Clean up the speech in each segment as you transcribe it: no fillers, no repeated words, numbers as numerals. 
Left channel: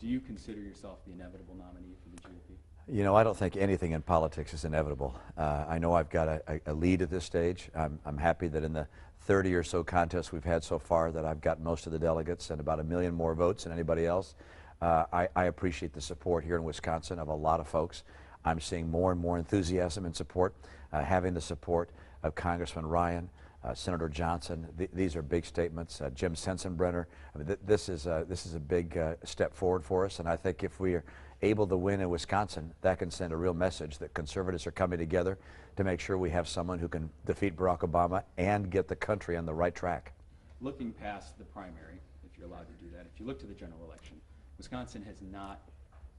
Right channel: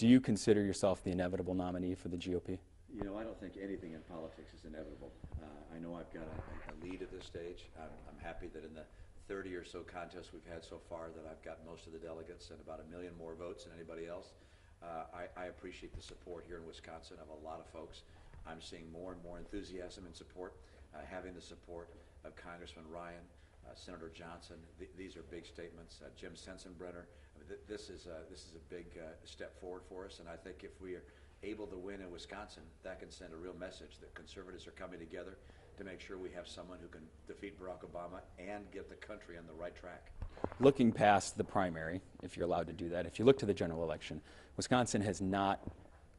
Do you consider yourself the inevitable nominee for the GOP? You know, I don't think anything in politics is inevitable. I know I've got a lead at this stage. I'm happy that in the 30 or so contests we've had so far that I've got most of the delegates and about 1 million more votes than anybody else. I appreciate the support here in Wisconsin of a lot of folks. I'm seeing more and more enthusiasm and support, having the support of Congressman Ryan, Senator Johnson. These are big statements. Jim Sensenbrenner. I mean, this is a big step forward for us, and I think if we are able to win in Wisconsin, that can send a real message that conservatives are coming together to make sure we have someone who can defeat Barack Obama and get the country on the right track. Looking past the primary, if you're allowed to do that, if you look to the general election, Wisconsin has not,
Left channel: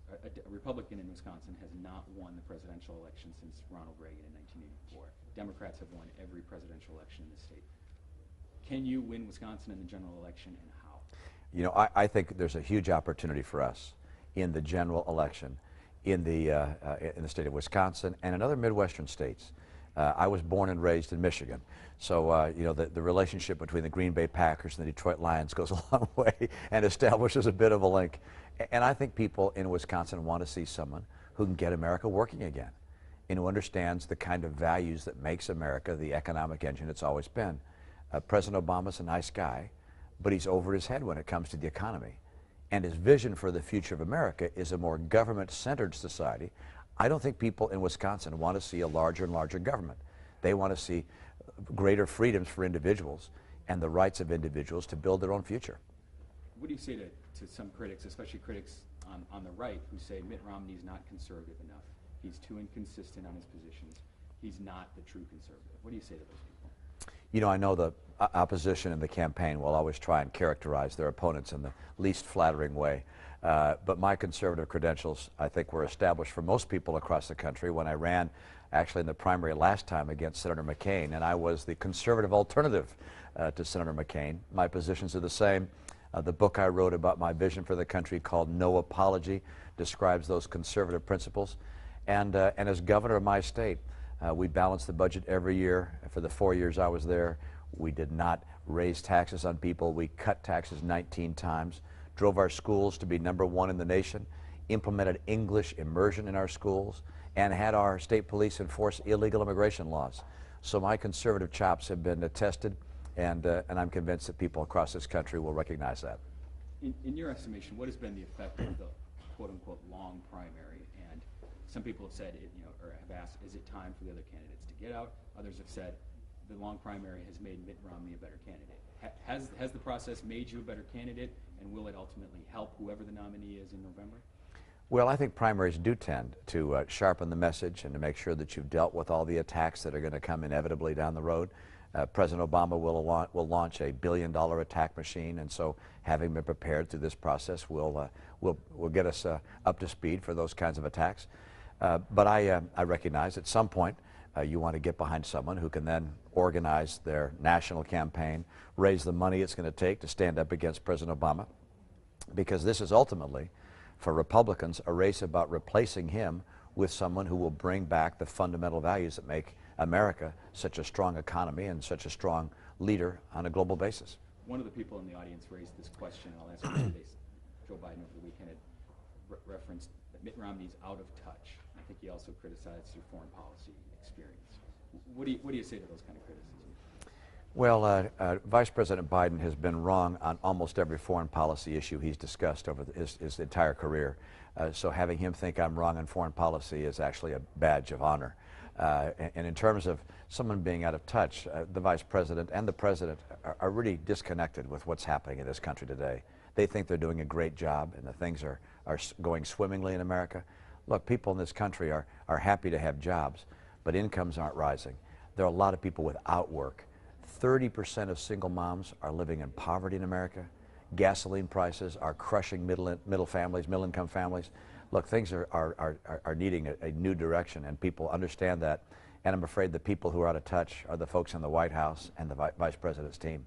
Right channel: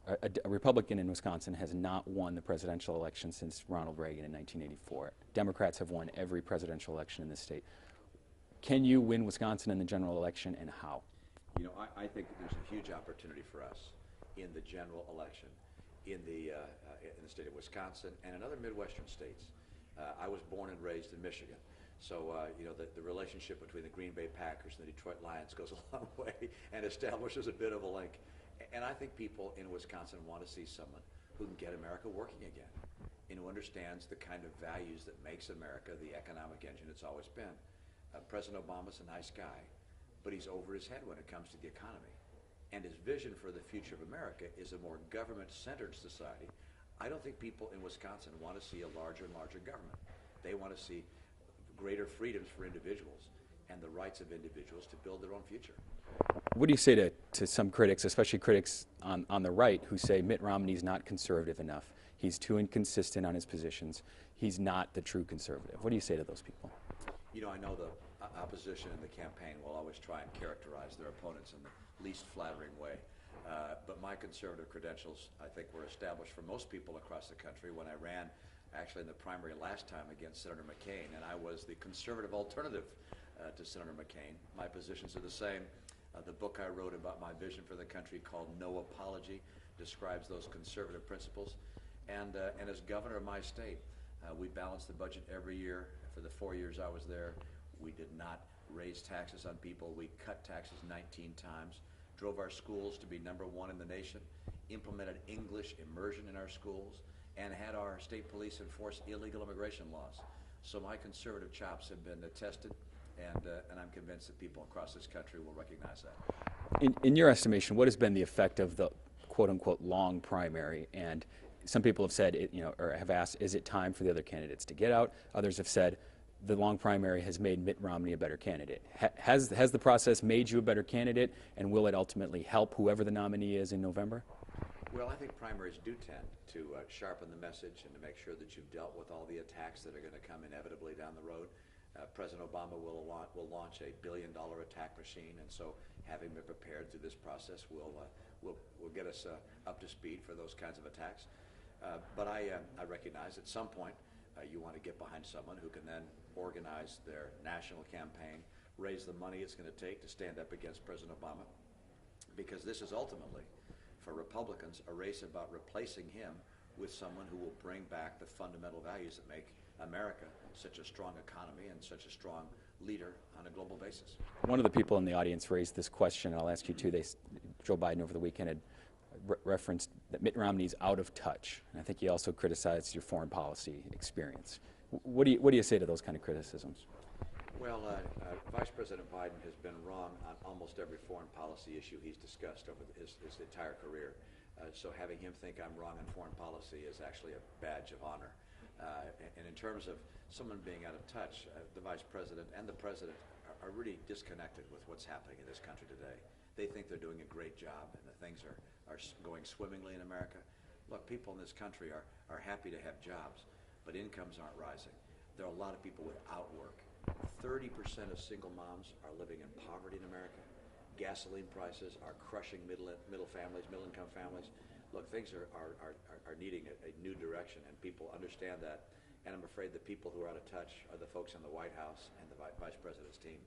a Republican in Wisconsin has not won the presidential election since Ronald Reagan in 1984. Democrats have won every presidential election in this state. Can you win Wisconsin in the general election, and how? You know, I think there's a huge opportunity for us in the general election in the state of Wisconsin and in other Midwestern states. I was born and raised in Michigan, so you know, the relationship between the Green Bay Packers and the Detroit Lions goes a long way and establishes a bit of a link. And I think people in Wisconsin want to see someone who can get America working again and who understands the kind of values that makes America the economic engine it's always been. President Obama's a nice guy, but he's over his head when it comes to the economy. And his vision for the future of America is a more government-centered society. I don't think people in Wisconsin want to see a larger and larger government. They want to see greater freedoms for individuals and the rights of individuals to build their own future. What do you say to some critics, especially critics on the right, who say Mitt Romney's not conservative enough? He's too inconsistent on his positions. He's not the true conservative. What do you say to those people? You know, I know the opposition in the campaign will always try and characterize their opponents in the least flattering way. But my conservative credentials, I think, were established for most people across the country when I ran actually in the primary last time against Senator McCain, and I was the conservative alternative to Senator McCain. My positions are the same. The book I wrote about my vision for the country called No Apology describes those conservative principles. And as governor of my state, we balanced the budget every year. For the 4 years I was there, we did not raise taxes on people. We cut taxes 19 times, drove our schools to be #1 in the nation, implemented English immersion in our schools, and had our state police enforce illegal immigration laws. So my conservative chops have been tested, and I'm convinced that people across this country will recognize that. In your estimation, what has been the effect of the quote-unquote long primary? And some people have said, or have asked, is it time for the other candidates to get out? Others have said the long primary has made Mitt Romney a better candidate. Has the process made you a better candidate, and will it ultimately help whoever the nominee is in November? Well, I think primaries do tend to sharpen the message and to make sure that you've dealt with all the attacks that are going to come inevitably down the road. President Obama will launch a $1 billion attack machine, and so having been prepared through this process will get us up to speed for those kinds of attacks. But I recognize at some point you want to get behind someone who can then organize their national campaign, raise the money it's going to take to stand up against President Obama, because this is ultimately, for Republicans, a race about replacing him with someone who will bring back the fundamental values that make America such a strong economy and such a strong leader on a global basis. One of the people in the audience raised this question, and I'll ask you too. Joe Biden over the weekend had referenced that Mitt Romney's out of touch. And I think he also criticized your foreign policy experience. What do you say to those kind of criticisms? Well, Vice President Biden has been wrong on almost every foreign policy issue he's discussed over his entire career. So having him think I'm wrong on foreign policy is actually a badge of honor. And in terms of someone being out of touch, the Vice President and the President are really disconnected with what's happening in this country today. They think they're doing a great job and that things are going swimmingly in America. Look, people in this country are happy to have jobs, but incomes aren't rising. There are a lot of people without work. 30% of single moms are living in poverty in America. Gasoline prices are crushing middle-income families. Look, things are needing a new direction, and people understand that. And I'm afraid the people who are out of touch are the folks in the White House and the Vice President's team.